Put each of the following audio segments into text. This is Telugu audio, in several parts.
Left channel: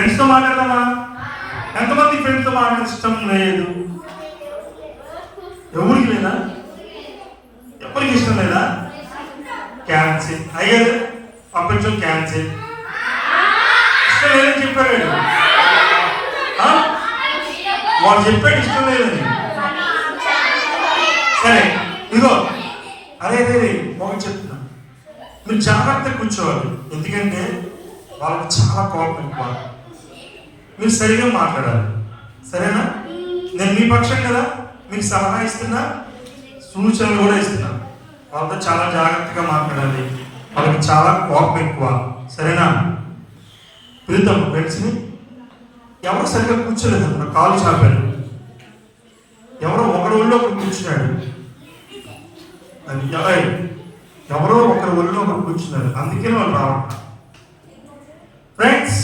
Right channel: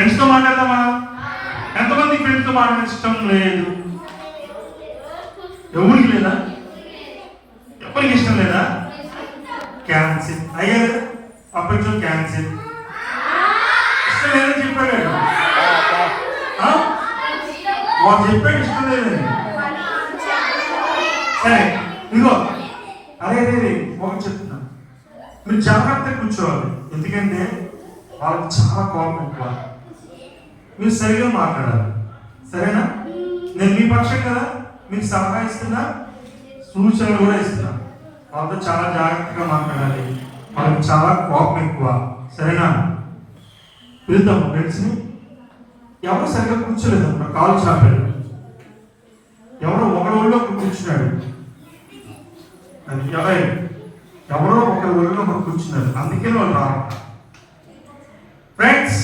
ఫ్రెండ్స్తో మాట్లాడదామా? ఎంతమంది ఫ్రెండ్స్తో మాట్లాడే ఇష్టం లేదు? ఎవరికి లేదా? ఎవరికి ఇష్టం లేదా? క్యాన్సిల్ అయ్యారు, పంపించు క్యాన్సిల్. ఇష్టం లేదని చెప్పాడు వాడు, చెప్పాడు ఇష్టం లేదని. సరే ఇదో అదే ఒకటి చెప్తున్నా, మీరు జాగ్రత్తగా కూర్చోవాలి. ఎందుకంటే వాళ్ళకి చాలా కోపం ఎక్కువ. మీరు సరిగా మాట్లాడాలి, సరేనా? నేను మీ పక్షం కదా, మీకు సలహా ఇస్తున్నా, సూచనలు కూడా ఇస్తున్నా. వాళ్ళతో చాలా జాగ్రత్తగా మాట్లాడాలి, వాళ్ళకి చాలా కోపం ఎక్కువ, సరేనా? పిలుద్దాం ఫ్రెండ్స్ని. ఎవరు సరిగా కూర్చోలేదు, కాలు చాపాడు. ఎవరో ఒకరి ఒళ్ళో కూర్చున్నాడు, ఎవరో ఒకరి ఒళ్ళో ఒకరు కూర్చున్నాడు, అందుకే వాళ్ళు రావాలి. ఫ్రెండ్స్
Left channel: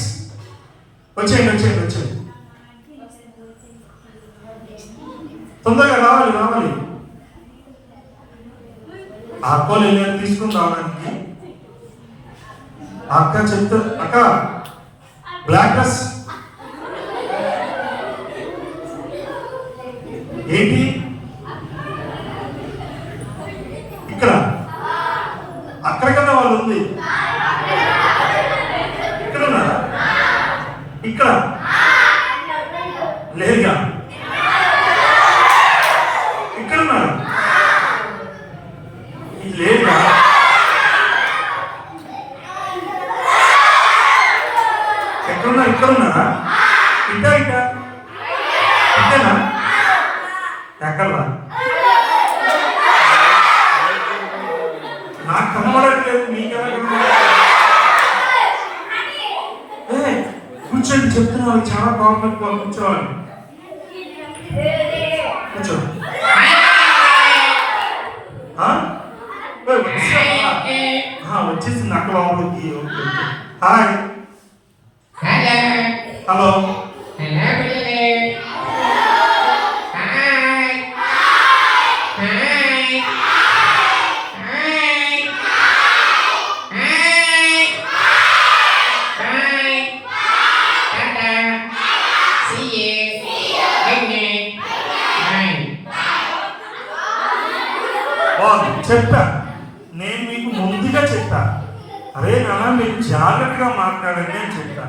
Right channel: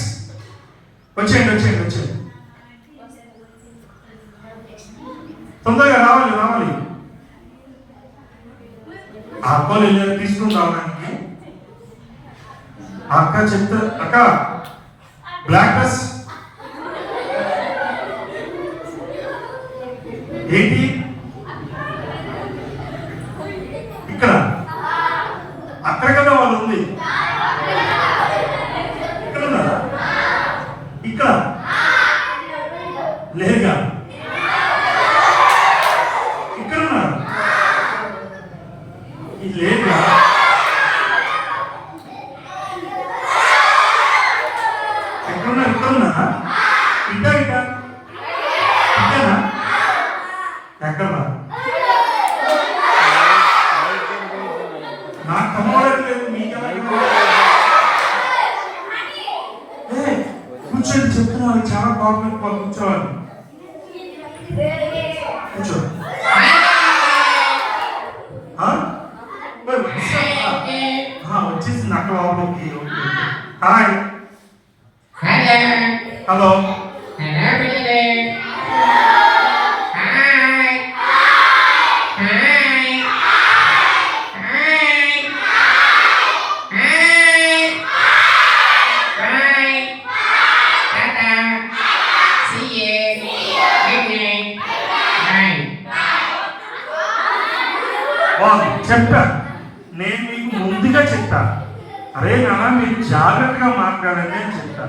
వచ్చేయండి, తొందరగా రావాలి. ఆ అక్కలు వెళ్ళారు తీసుకుని రావడానికి. అక్క చెప్తా, అక్క బ్లాక్ డ్రెస్ ఏంటి ఇక్కడ? అక్కడ కదా వాళ్ళు ఉంది, ఇక్కడ ఉన్నారా? ఇక్కడ లేదుగా, ఇక్కడ ఉన్నారా? ఇది లేదుగా. ఎక్కడున్నారు? ఇక్కడ ఉన్నారా? ఇటేనా? ఎక్కడా? నాకు కనబడట్లేదు, కూర్చోండి, చెప్తున్నా. చాలా గవర్నమెంట్ కూర్చోవాలి. కూర్చోండి. వచ్చేసింది అక్క లోపలికి. Hi, hello. చెప్పా, నేను మీకు ముందుగా చెప్పా, అరే నాన్న మీరు జాగ్రత్తగా మాట్లాడండి అని చెప్పా.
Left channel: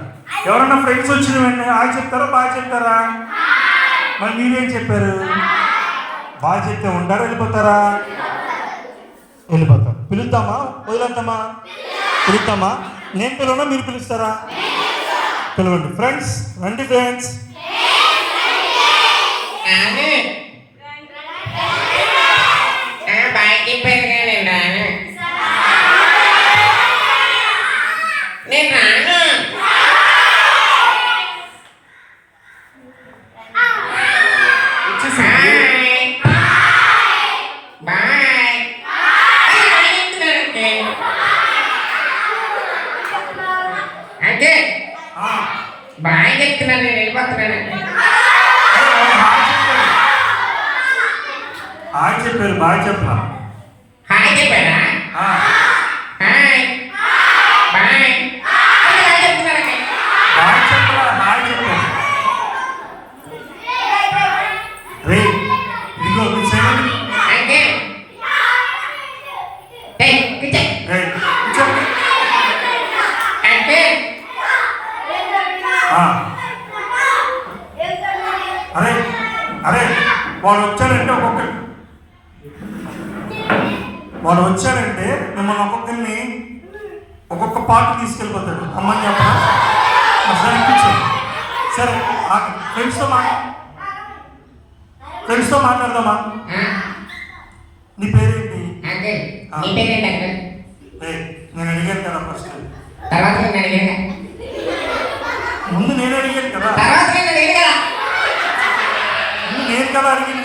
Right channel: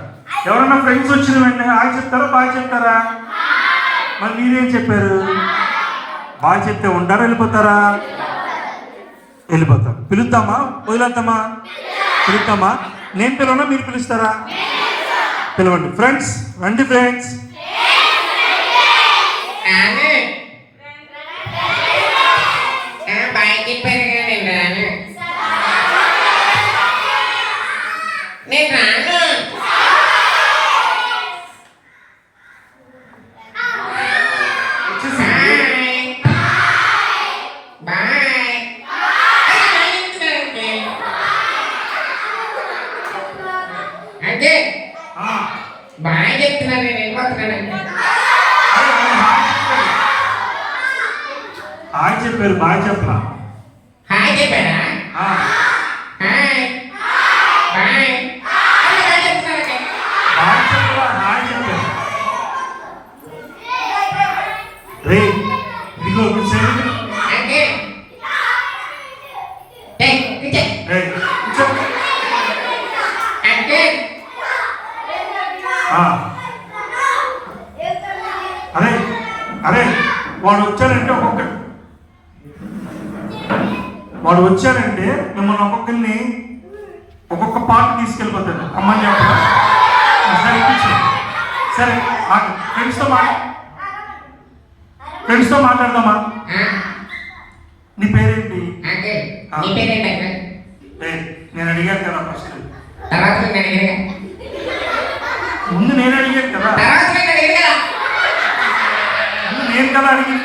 ఎవరన్నా ఫ్రెండ్స్ వచ్చిన వెంటనే ఆ చెప్తారా, బాగా చెప్తారా? మరి మీరేం చెప్పారు? బాగా చెప్తే ఉంటారా, వెళ్ళిపోతారా? వెళ్ళిపోతారు. పిలుద్దామా వదిలేద్దామా? పిలుద్దామా? నేను పిలవనా, మీరు పిలుస్తారా? పిలవండి. ఫ్రెండ్స్ రండి, ఫ్రెండ్స్. బాగా చెప్తున్నాను, నేను వెళ్ళిపోతున్నానండి. హాయ్ చెప్పారు, బాగా చెప్పలా? హాయ్ చెప్పారా? హాయ్ బాయ్ రే ఇదిగో కూర్చోండి. వాడు వచ్చాడంటే మిమ్మల్ని ఒక్కొక్కరిని ఒక్కొక్క పార్టీ తీసుకెళ్ళిపోతాడు. అమ్మని చెప్పండి. సరే కూర్చోండి. సరే ఫ్రెండ్స్తో మాట్లాడదామా? నీ పేరేంటి? నేను అడిగాను కదా ఫస్ట్. ముందు నేను అడిగాను కదా. నేను కదా అడిగింది.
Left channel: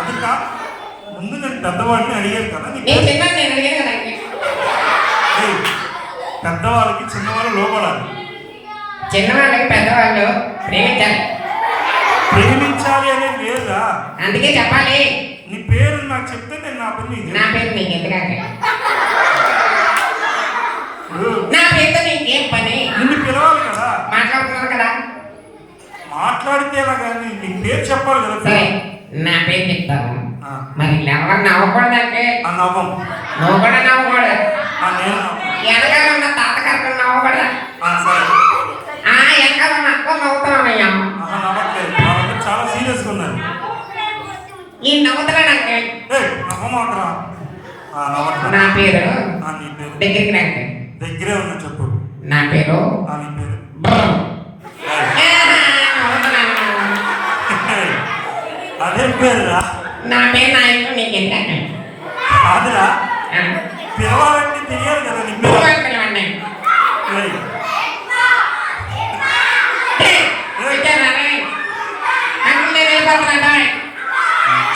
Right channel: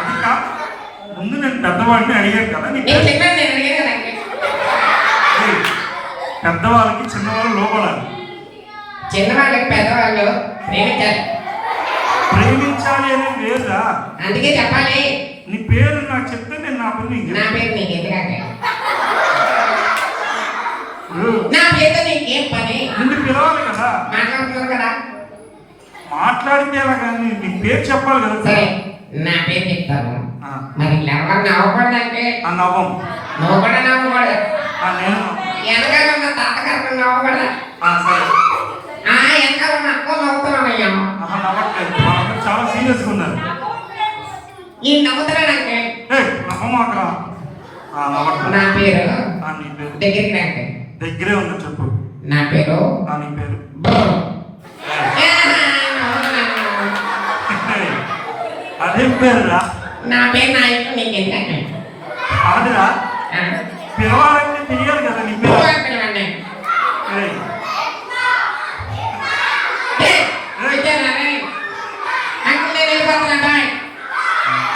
అది కా ముందు నేను పెద్దవాడిని అడిగాను కదా. పెద్దవాళ్ళకి చిన్నవాళ్ళు లోపడాలి. చిన్నవాళ్ళకి పెద్దవాళ్ళు ప్రేమించాలి అనేది లేదా? అందుకే చెప్పాలి. నీ పేరు నాకు చెప్తే నేను నా పని. నా పేరు నీకు ఎందుకంటే చెప్పాలి కదా సరే నా పేరు చెప్తాను. ఆ. మరి ఎవరు నవ్వకూడదు అంకుల్. ఆ నవ్వం. నువ్వు కూడా నవ్వకూడదు. నేను వెనకాల ఉన్న తాతగారు నవ్వకూడదు. సరే వెనకాల ఉన్న అక్క నవ్వుతామయ్యా. నవ్వట్లేదు, వాళ్ళు చాలా సీరియస్గా ఉన్నారు. ఈ నవ్వుతున్నాను అంకుల్. నవ్వమాకరా. నా పేరు నీ పేరు దగ్గరికి రండి. దగ్గరే ఉన్నా చెప్పు. నా పేరు నీ పేరు అదే పేరురా. నా పేరు నా ఇంట్లో నీకు ఎందుకంటే కాదురా, పిలవాలంటే తెలియాలి కదా నీ పేరు. ఏయ్,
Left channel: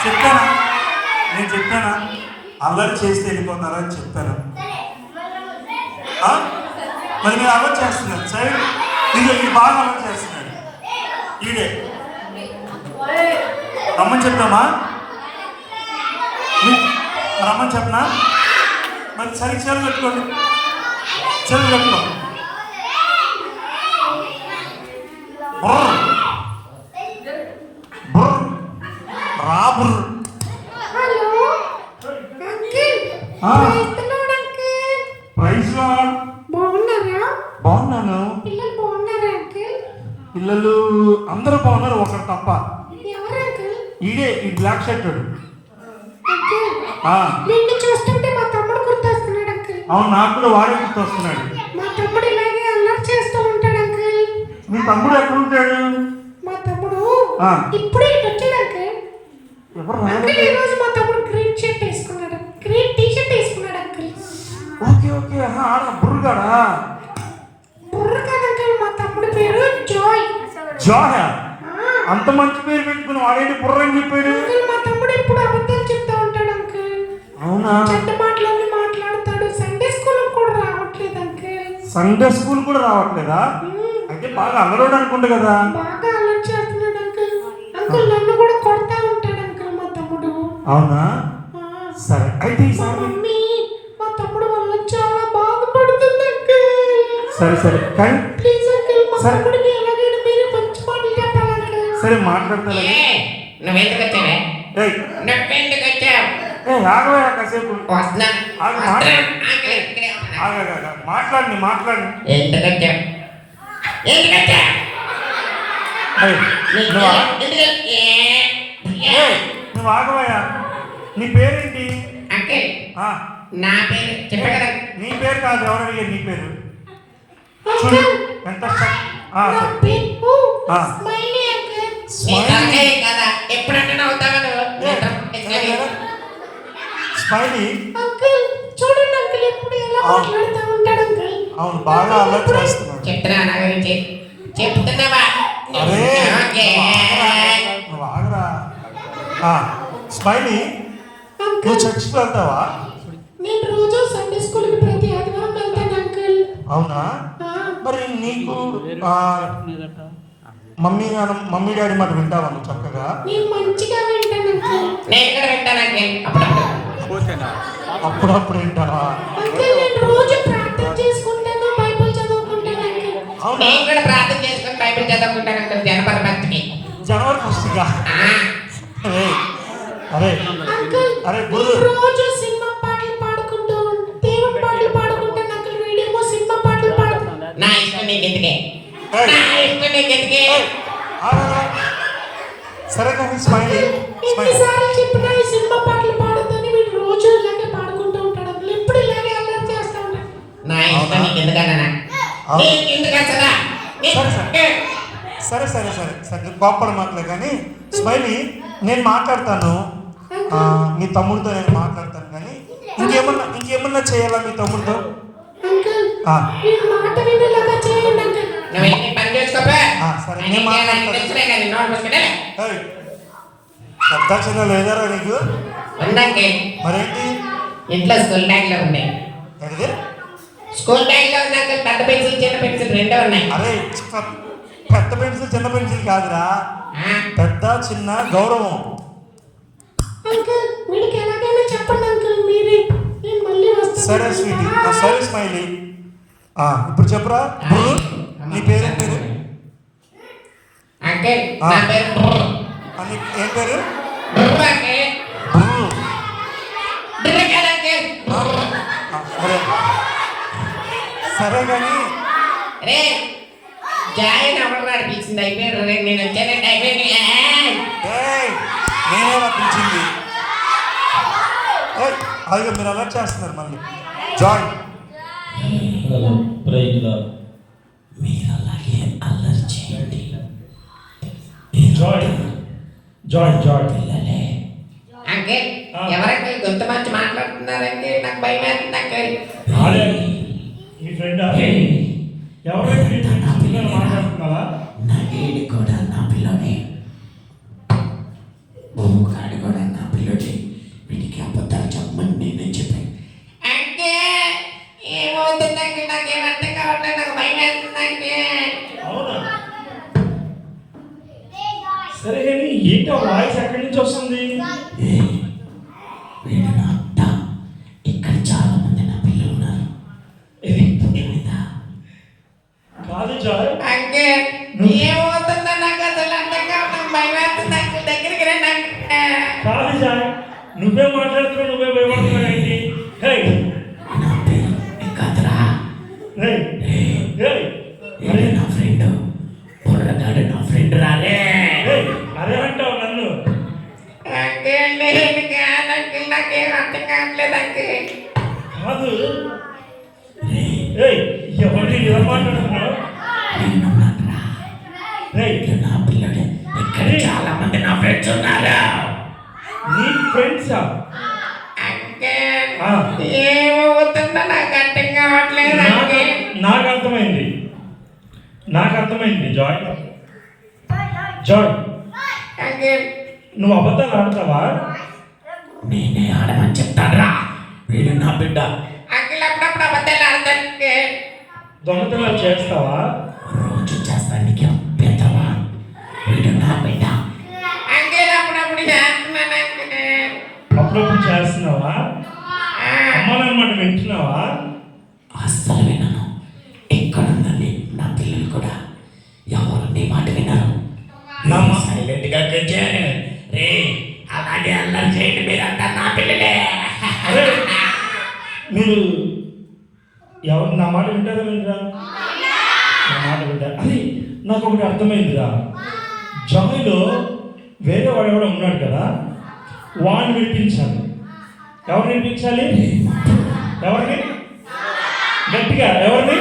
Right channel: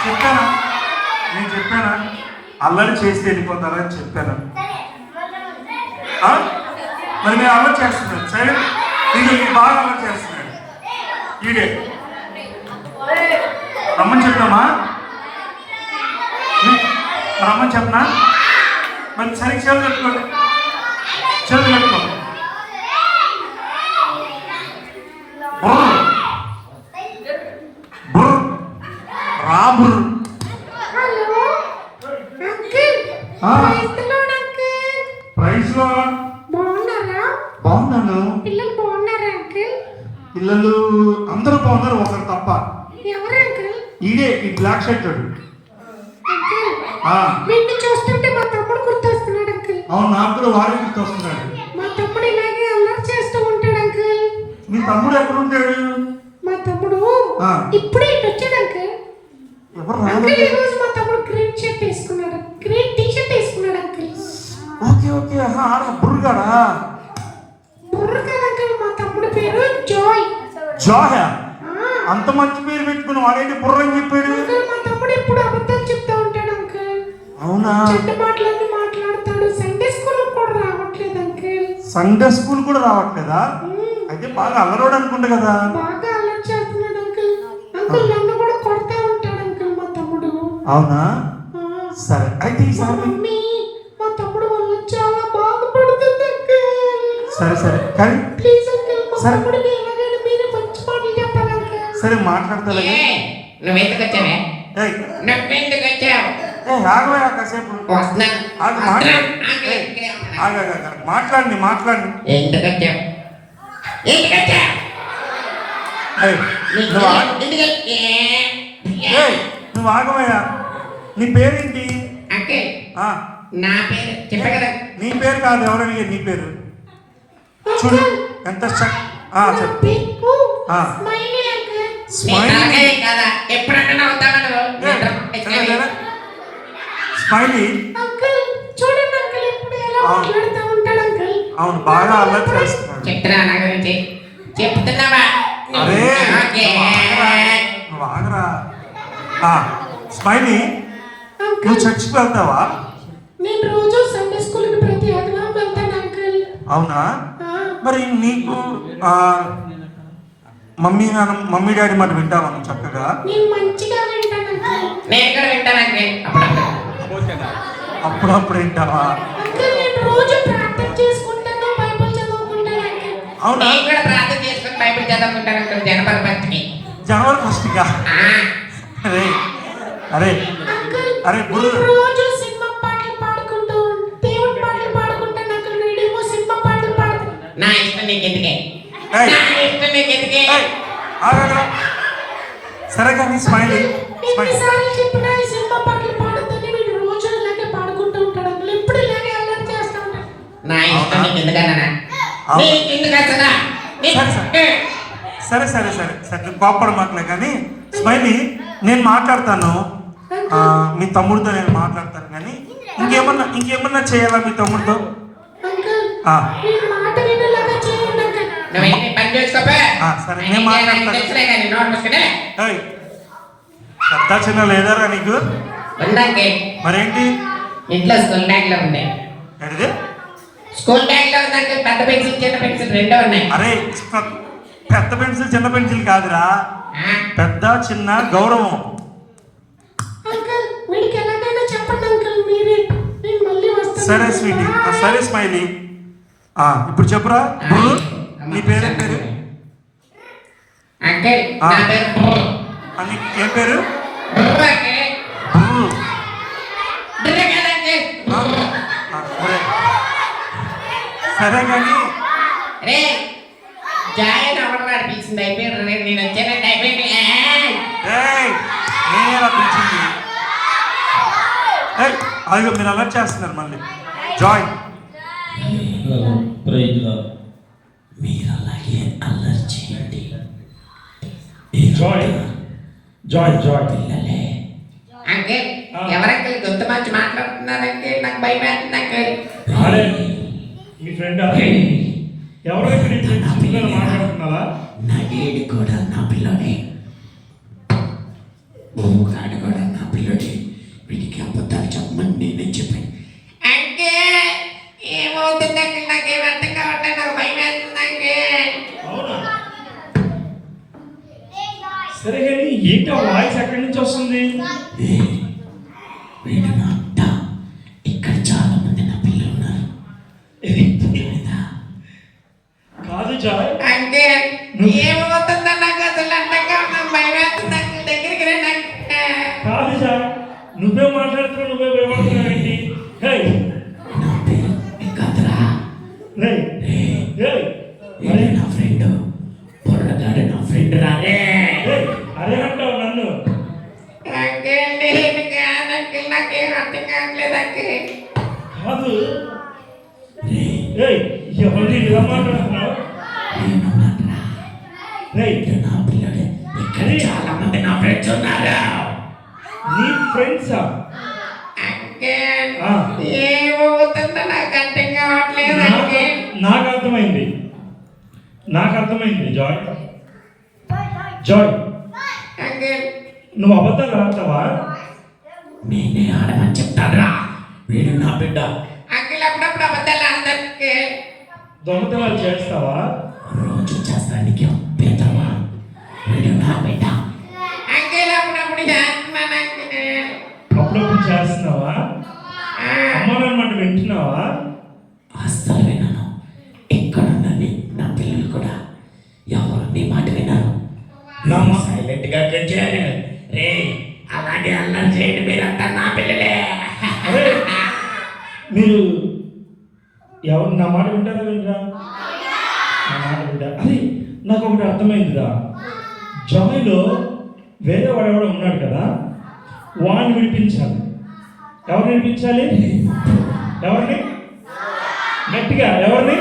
చెప్పానా? నేను చెప్పానా అల్లరి చేస్తే వెళ్ళిపోతారా అని చెప్పాను. మరి మీరు అల్లరి చేస్తున్నారు. సరే ఇది బాగా అల్లరి చేస్తున్నాడు. ఈడే రమ్మని చెప్పామా? రమ్మని చెప్పనా? మరి సరిగ్గా చెవులు పెట్టుకోండి. చెవులు పెట్టుకో. రా బుర్రు. Praise lord. బాగున్నాను. పిల్లలు అందరూ బాగున్నారు, ఒకరు తప్ప. ఈడే ఈ బ్లాక్ షర్ట్ వాడు. చూస్తుంటే మా తమ్ముడు గుర్తొస్తున్నాడు అంకుల్. అవును, నాకు కూడా వాడే గుర్తొస్తున్నాడు. మా తమ్ముడు ఇలాగే అల్లరి చేస్తూ ఉంటాడు అంకుల్. మీ తమ్ముడు ఎక్కడ ఉంటాడు? మా తమ్ముడు ఆ. ఇప్పుడే ఇటు వచ్చాడు అంకుల్. ఎవరు అంకుల్ రాలేదు. ఈ రోజు మా తమ్ముడు గ్రీన్ షర్ట్ వేసుకున్నాడు, గ్రీన్ టీ షర్ట్ వేసుకున్నాడు అంకుల్. ఓకే ఓకే, బుర్రుగాడా? బుర్ర కాదు అంకుల్, మా తమ్ముడు పేరు జాయ్. జాయ్? అంత మంచి పేరు పెట్టుకుని వాడేంటి బుర్ర అని చెప్పాడు? అంకుల్ మా తమ్ముడు ఎప్పుడు అబద్ధాలు చెప్తూ ఉంటాడు అంకుల్. అవునా? చెడ్డ మాటలన్నీ మాట్లాడతాడు. సండే స్కూల్ కూడా రావట్లేదు అంకుల్. సండే స్కూల్ కూడా రావట్లేదా? అయితే బాగా అలరోడు అనుకుంటా కదా. బాగా అల్లరి చేస్తున్నాడు అంకుల్. అంకుల్ నన్ను కూడా కొడతా ఉంటాడు అంకుల్ మా తమ్ముడు. అవునా? ఆ. సరే అయితే మా ఈసారి మమ్మీ మా తమ్ముడు వల్ల చాలా బాధపడుతుంది అంకుల్. సరే సరే కానీ ప్లీజ్ అంకుల్ మా సరే. తమ్ముడికి ఎలాగైనా మీరు మంచి మాటలు చెప్పాలి అంకుల్. సరే మాట్లాడతా. నువ్వెందుకు వచ్చావే? ఏయ్ నువ్వెందుకు వచ్చావు? ఆగవా కాసేపు. వస్తున్నాను. ఆగు, వస్తున్నాను. అంకుల్ ఇక్కడే ఉన్నాను. మాట్లాడండి మాట్లాడండి. ఎందుకు వచ్చావు? ఎందుకు వచ్చావు? ఏయ్, నువ్వు ఆ- ఎందుకు ఏయ్, నువ్వు ఆగవయ్యా. నీ పేరేంటి? అంకుల్ ఆ, నా పేరు చెప్పా కదా. నీ పేరు కాదు, ఎవరు అడిగారు నీ పేరు? చూడు అంకుల్ ఎంత నా చెప్పు. పేరు ఆ. Smiley uncle. నీ స్మైలీ. తలకాయ కదా ఎప్పుడంటే నవ్వుతావా నువ్వు? స్మైలీ. అంకుల్ చూడండి అంకుల్ ఇప్పుడు ఎలా మాట్లాడుతూ ఉంటాడు అంకుల్. అవును, బాగా అల్లరి చేస్తున్నాడు. చెప్తున్నా నా గురించి చెప్తున్నావా? అరే ఓకే. నువ్వు ఆగరా. ఆ, స్మైలీ, నువ్వు అంకుల్ చర్చికి వెళ్తావా? నేను రోజు సండే స్కూల్కి ప్రతి ఆదివారం వెళ్తాను అంకుల్. అవునా? ఆ. మరి నీకు మమ్మీ డాడీ మాట వింటావా నువ్వు చక్కగా? నేను మంచిగా వింటాను అంకుల్. నేను కూడా వింటాను అంకుల్. అప్పుడప్పుడు అప్పుడప్పుడు వింటావా? అంకుల్ నేను రోజు ప్రార్థన చేసుకుంటాను, బైబిల్ చదువుకుంటాను అంకుల్. అవునా? నేను కూడా ప్రార్థన చేసుకుని బైబిల్ చదువుకుంటాను అంకుల్. జనపద భక్తిని. జనవరి ఫస్ట్గా. అరే అరే అంకుల్ అరే నేను గురు. రోజు సినిమా పాటలు పాడుకుంటూ దేవుడి పాటలు పాడుకుంటాను అంకుల్. వీడేమో సినిమా పాటలు పాడుతాను. నా ఇష్టం నీకు ఎందుకే? నా ఇష్టం నీకు ఎందుకే? ఆగరా. సరే కానీ స్మైలీ, స్మైలీ. ఎన్నిసార్లు చెప్పినా ఈ సినిమా పాటలు పాడొద్దని వీడు రోజు ఇలాగే పాడుకుంటూ ఉంటాడు అంకుల్. ఎప్పుడు ఇలాగే అల్లరి చేస్తూ ఉంటాడు. నా ఇష్టం నీకు ఎందుకన్నా? నీకు ఎందుకు అసలా? సరే సరే సరే సరే కోపడ మాటలే కానీ స్మైలీ, నేను మాట్లాడతాను. మీ తమ్ముడితో నేను మాట్లాడతాను కానీ ఇంకేమన్నా చేయాలా మీ తమ్ముడితో? అంకుల్ ఆ, వీడి మాట వినేలాగా చేయండి అంకుల్. నువ్వేంటి పని చేసుకోపా? సరే, నేను నేను చేయాలని మాట్లాడతాను. తెలుసులే కానీ నోరు మూసుకునే ఏయ్, పెద్ద చిన్న లేదారా నీకు? ఉందంకే. మరేంటి? ఇంట్లో స్కూల్ బ్యాగ్ లో ఉంది. ఏంటిది? స్కూల్ బ్యాగ్ లో ఉంది అంకుల్. పెద్ద పెన్సిల్ చిన్న పెన్సిల్ రెండో ఉన్నాయి. అరే పెద్ద పెన్సిల్ చిన్న పెన్సిల్ కాదురా, ఆ, పెద్ద చిన్న గౌరవం. అంకుల్ వీడికి ఎలాగైనా చెప్పండి అంకుల్ మీరే. నేను మళ్ళీ వస్తాను. సరే స్వీటీ, సరే స్మైలీ. ఇప్పుడు చెప్పురా గురు, నీ పేరు పేరు అంకుల్ నా పేరు నీకు ఏం పేరు? బుర్ర అంకిల్. బుర్ర కాదు అంకిల్. సరే కానీ రే జాయిన్ ఎవరు నడిపించింది అయిపోయారు రే నేను వచ్చానంటే అయిపోయింది. ఏయ్, నేనేలా పిలిచింది? ఏయ్, అదిగో మీరు అలర్ట్ చేస్తున్నారు మళ్ళీ. జాయ్ మీరు అలాగే అల్లరి చేయండి. జాయ్ జాయ్ జాయ్ పిల్లలే అంకిల్ ఎవరంకిల్ గొంతు మంచి మాట్లాడుతున్నారు అంకిల్ నాకు భయం వేస్తుంది అంకిల్. అదే ఈ ఫ్రెండ్ ఎవరైతే మాట్లాడుతున్నారా? నా వీడు కూడా నా పిల్లడే, బొమ్మగాడు కూడా నా పిల్లడే. వీడికి అబద్ధాలు చెప్పమని నేనే చెప్పాను. అంకిల్ ఏమవుతుంది అంకిల్ నాకేం అర్థం కావట్లేదు నాకు భయం వేస్తుంది అంకిల్. అవునా? సరే కానీ ఏంటో వాయిస్ ఎక్కడి నుంచి వస్తుంది? ఏ, వీడు నా అత్త. ఇక్కడ చాలా మంది నా పిల్లలు ఉన్నారు. ఏమైందా? కాదు జాయ్, అంకిల్ ఏమవుతుందో నాకు అసలు అర్థం కావట్లేదు నాకు భయం వేస్తుంది అంకిల్ దగ్గరికి రండి అంకిల్. కాదు జాయ్, నువ్వే మాట్లాడుతున్నా నువ్వే భయపడుతున్నావు ఏంటి? హే నా పేరు కాదురా. హే హే వీడు నా ఫ్రెండ్, బుర్రగాడు నా ఫ్రెండ్ రాదే. హే, అదే అంటావు నన్ను? అంకిల్ నేను కాదు అంకిల్ నాకేం అర్థం కావట్లేదు అంకిల్. కాదు. ఏయ్, ఎవరిని ఇలా మాట్లాడుతున్నావు? నేను ఉన్నానురా. ఏయ్, వీడు నా పిల్లడే. ఇక్కడ చాలా మంది నా ఫ్రెండ్స్ ఉన్నారు. నీ ఫ్రెండ్సా? అంకిల్ ఆ. ఏమవుతుందో నాకు అర్థం కావట్లేదు అంకిల్. నాకు అర్థమైంది, నాకు అర్థమైంది జాయ్. జాయ్, అంకిల్ నువ్వు అబద్ధాలు ఆడతావా? నేనే ఆడమని చెప్తానురా. వీడు నా బిడ్డ. అంకిల్ అప్పుడప్పుడు అబద్ధాలు ఆడతాను అంకిల్. దొంగతనాలు చేస్తావా? రోజు చేస్తానికి పెద్దవా. వీడు నా బిడ్డ. అంకిల్ అప్పుడప్పుడు చేస్తున్నాను అంకిల్. అప్పుడప్పుడు చేస్తున్నావా? అమ్మనమ్మని వింటున్నావా? అస్సలు వినను. ఇక్కడ ఉన్నది నా పిల్లలు కూడా ఎవరు నీ మాట వినరు. నా మా- సైలెంట్ గా కూర్చోండి. రే అలాగే అల్లరి చేయండి. మీరంతా నా పిల్లలే. అరే, మీరు ఎవరు నా మాట వింటారా? వింటారా? నా మాట వింటారా? అది నాకు ఒకటి అర్థమైందిరా. జాయ్లో వేరే వాడెవడో ఉన్నాడు కదా, వాడిని విడిపించాలి. ఎవరు విడిపించాలి? ఎవరిని? గట్టిగా ఎవరిని?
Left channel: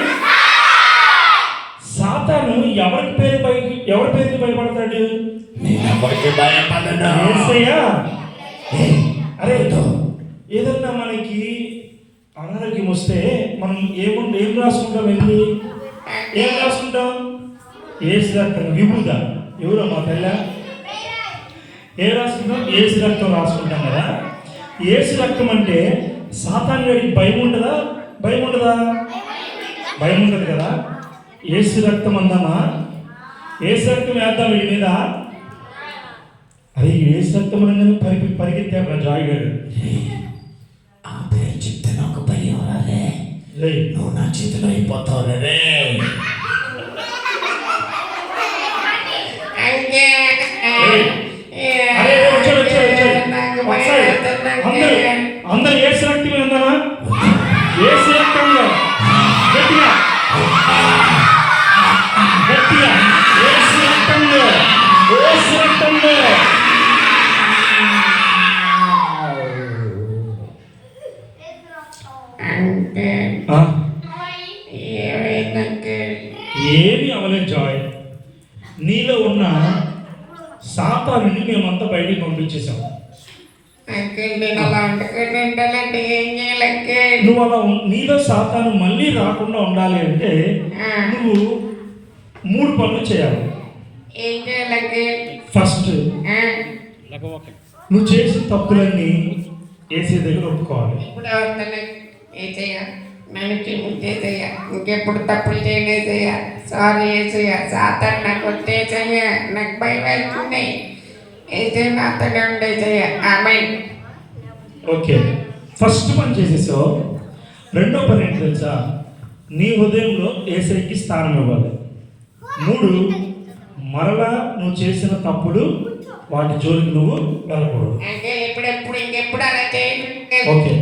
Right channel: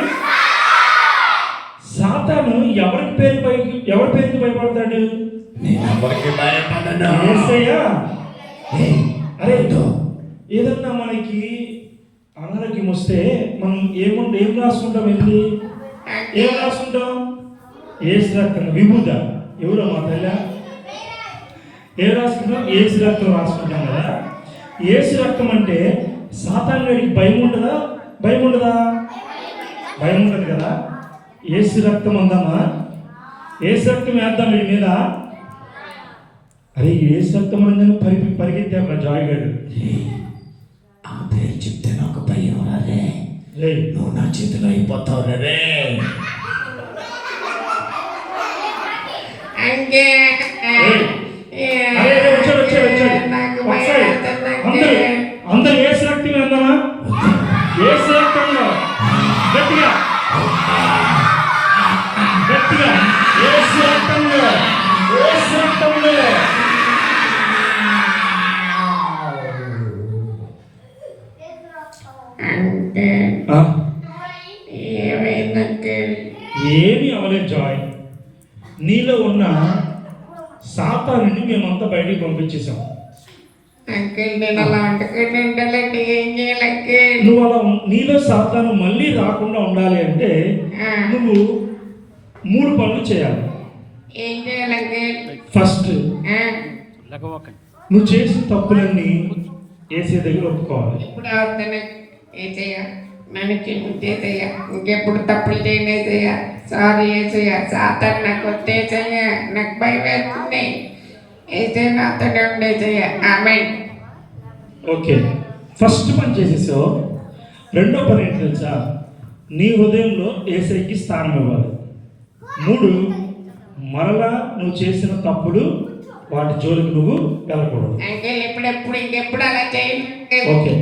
సాతాను ఎవరి పేరుకి భయపడతాడు? నేను ఎవరికి భయపడను. యేసయ్యా. అరే ఏదన్నా మనకి అనారోగ్యం వస్తే మనం ఏం రాసుకుంటాం? ఏం రాసుకుంటాం? ఏసు రక్తం విభూద. ఎవరో మా పిల్ల ఏం రాసుకుంటాం? ఏసు రక్తం రాసుకుంటాం కదా. ఏసు రక్తం అంటే సాతాను వేడికి భయం ఉంటుందా? భయం ఉండదా? భయం ఉంటుంది కదా. ఏసు రక్తం అందామా? ఏసు రక్తం వేద్దాం వీడి మీద. అరే ఏసు రక్తం అనగానే పరిగెత్తా జాయ్ గారు. ఆ పేరు చెప్తే నాకు భయం రాదే. రే నువ్వు నా చేతిలో అయిపోతావు రే. అంకిల్ అరే వచ్చాడు నాకు ఒకసారి భయం వేస్తుంది అందరూ అంకిల్. అందరూ ఏసు రక్తం వేద్దామా? ఏసు రక్తంలో గట్టిగా గట్టిగా ఏసు రక్తంలో ఏసు రక్తంలో. అంకిల్ ఆ, ఏమైంది అంకిల్? ఏమీ అవలేదు జాయ్. నీలో ఉన్న సాతానుని మేమంతా బయటికి పంపించేసాం. అంకిల్ నేను అలా వండుకొని ఉండాలంటే ఏం చేయాలి అంకిల్? నువ్వు అలా నీలో సాతాను మళ్ళీ రాకుండా ఉండాలి అంటే నువ్వు 3 పనులు చేయాలి. ఏం చేయాలి అంకిల్? ఫస్ట్, నువ్వు చేసిన తప్పులన్నీ ఏసీ దగ్గర ఒప్పుకోవాలి. ఇప్పుడు అవుతాను ఏసయ్య నన్ను క్షమించేసయ్య ఇంకెప్పుడు తప్పులు చేయలేసయ్య. సారీ ఏసయ్య సాతాను నాకు వచ్చేసయ్య నాకు భయం వేస్తుంది. ఏసయ్య నాతోనే ఉండేసయ్య ఆమె. ఓకే, ఫస్ట్ పని చేసేసావు. రెండో పని ఏంటి తెలుసా? నీ హృదయంలో ఏసైకి స్థానం ఇవ్వాలి. 3, మరలా నువ్వు చేసిన తప్పులు వాటి జోలికి నువ్వు వెళ్ళకూడదు. అంకుల్ ఇప్పుడెప్పుడు ఇంకెప్పుడు అలా చేయండి. ఓకే.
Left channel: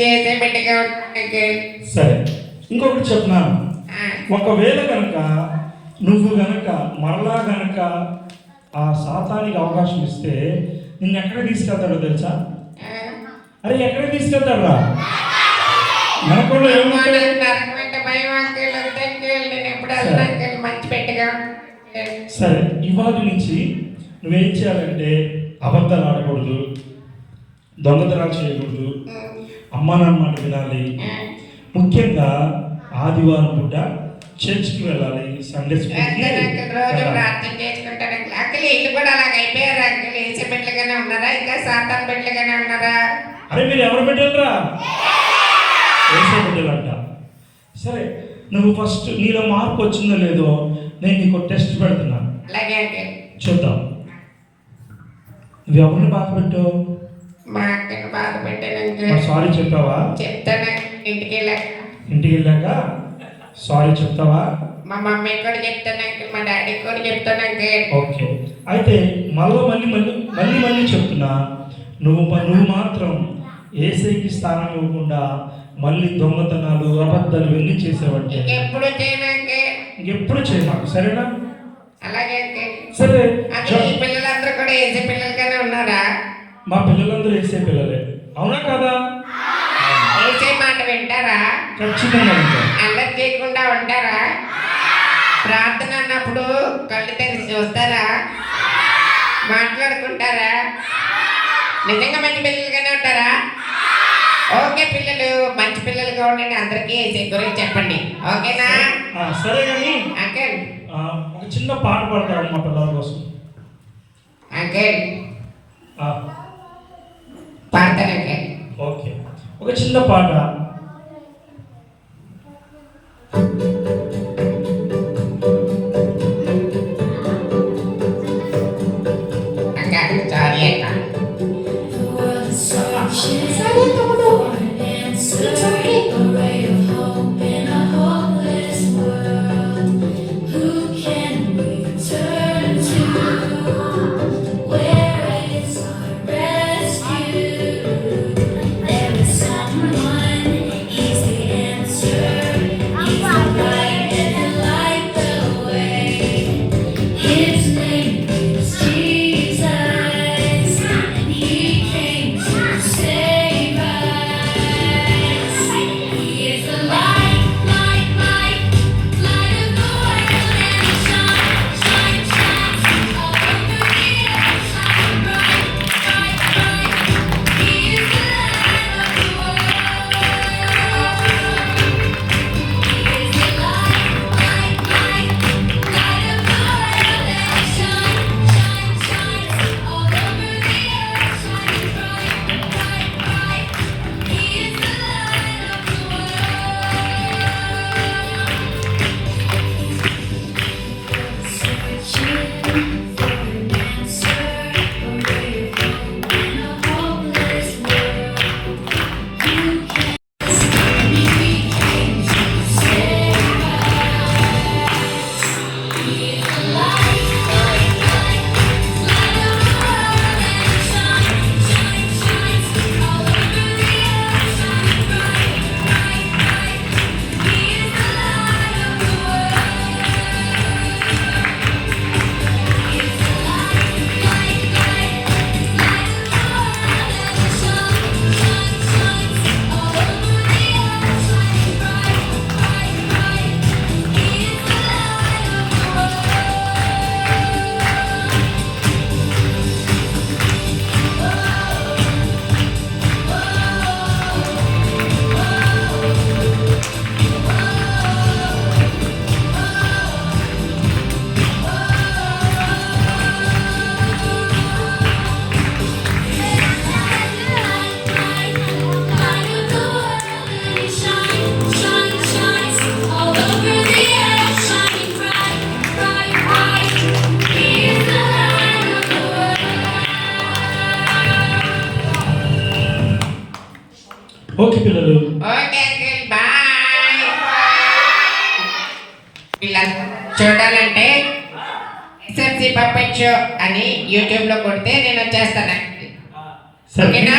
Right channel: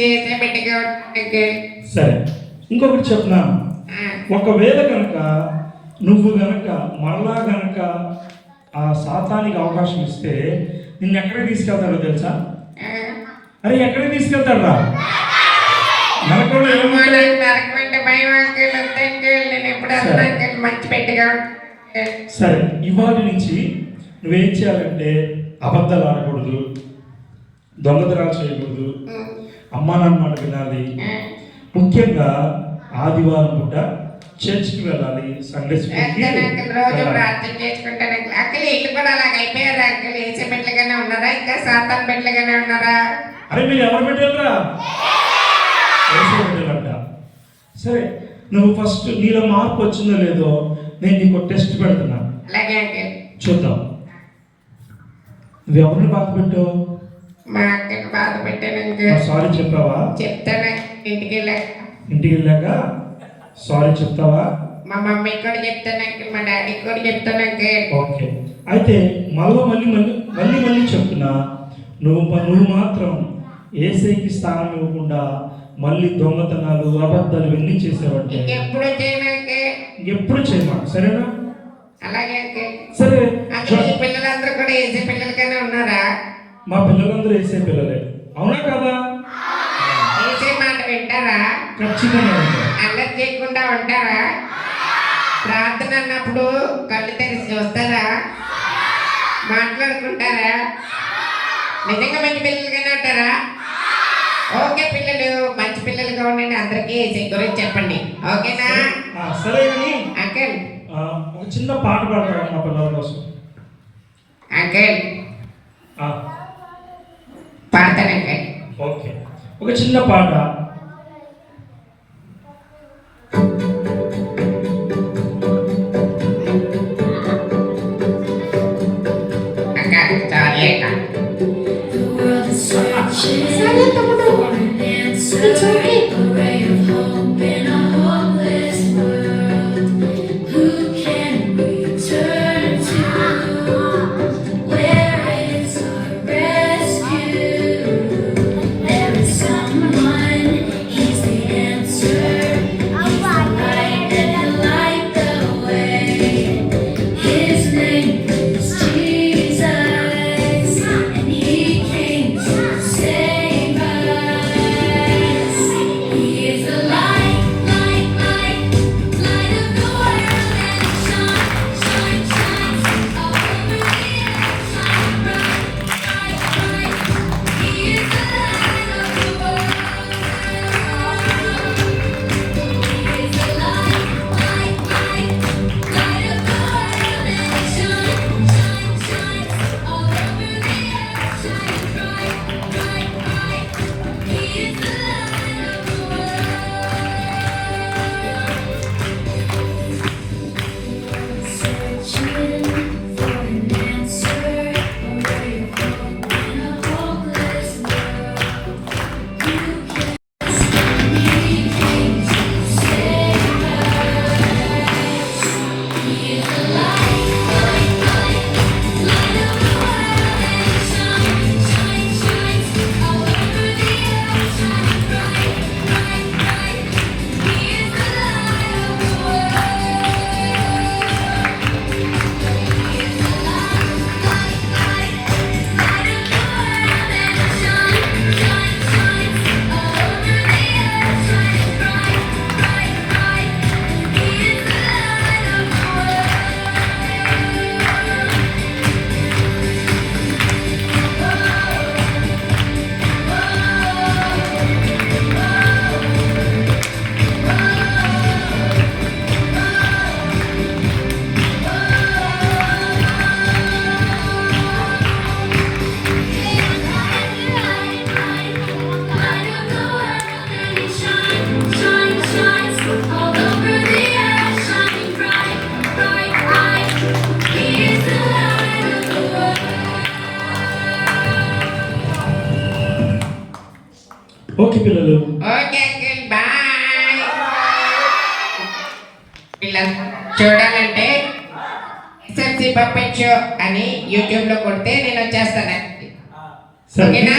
చేసే బిడ్డగా అంకుల్. సరే, ఇంకొకటి చెప్పనా, ఒకవేళ కనుక నువ్వు గనక మరలా గనక ఆ సాతానికి అవకాశం ఇస్తే నిన్ను ఎక్కడికి తీసుకెళ్తాడో తెలుసా? అరే ఎక్కడికి తీసుకెళ్తాడా? నరకంలో ఏమన్నా నరకమంటే భయం అంకుల్. అంకుల్ నేను ఎప్పుడు అసలు అంకుల్ మంచి బిడ్డగా ఉంటాను. సరే, ఇవాళ నుంచి నువ్వేం చేయాలంటే అబద్ధాలు ఆడకూడదు, దొంగతనాలు చేయకూడదు, అమ్మా నాన్న మాట వినాలి, ముఖ్యంగా ఆదివారం పూట చర్చ్కి వెళ్ళాలి, సండే స్కూల్కి రోజు ప్రార్థన చేసుకుంటాను అంకుల్. అంకుల్ ఇల్లు కూడా అలాగ అయిపోయారు అంకుల్. ఏసే బిడ్డలుగానే ఉన్నారా ఇంకా సాతాన్ బిడ్డలుగానే ఉన్నారా? అరే మీరు ఎవరు బిడ్డలరా? వేసే బిడ్డలంట. సరే, నువ్వు ఫస్ట్ నీలో మార్పు వచ్చిందో లేదో నేను నీకు టెస్ట్ పెడుతున్నా, అలాగే అంకుల్. చూద్దాం. నువ్వు ఎవరిని బాధ పెట్టావు? మా అక్కని బాధ పెట్టాను అంకుల్. సారీ చెప్పావా? చెప్తాను ఇంటికి వెళ్ళాక. ఇంటికి వెళ్ళాక సారీ చెప్తావా? మా మమ్మీ కూడా చెప్తాను అంకుల్. మా డాడీ కూడా చెప్తాను అంకుల్. ఓకే, అయితే మళ్ళీ చెప్తున్నా, నువ్వు మాత్రం ఏసైకి స్థానం ఇవ్వకుండా మళ్ళీ దొంగతనాలు అబద్ధాలు ఇవన్నీ చేసేవాడి ఎప్పుడు చేయను అంకుల్. ఎప్పుడు చేయమా, సరేనా? అలాగే అంకుల్. సరే, అంకుల్ ఈ పిల్లలందరూ కూడా ఏసే పిల్లలుగానే ఉన్నారా? మా పిల్లలందరూ వేసే పిల్లలే, అవునా కదా? ఏసే మాట వింటారా? ఖచ్చితంగా ఉంటారు. అల్లరి చేయకుండా ఉంటారా? ప్రార్థన అన్నప్పుడు కళ్ళు తెరిచి చూస్తారా? మాట్లాడుకుంటారా? నిజంగా మంచి పిల్లలుగానే ఉంటారా? ఓకే పిల్లలు, మంచి పిల్లలుగా ఉండండి. అందరికీ ఏసే గురించి చెప్పండి, ఓకేనా? సరే కానీ అంకుల్. ఒక చిన్న పాట పాడతారు మా పిల్లల కోసం. అంకుల్ పాడతాను అంకుల్. ఓకే, ఒక చిన్న పాట. అక్క సారీ అక్క. సరే తమ్ముడు, ఇట్స్ ఓకే. ఓకే పిల్లలు, ఓకే అంకుల్ బాయ్. ఇలా చూడాలంటే ఫ్యాన్సీ పప్పెట్ షో అని యూట్యూబ్లో కొడితే నేను వచ్చేస్తాను సరే ఓకేనా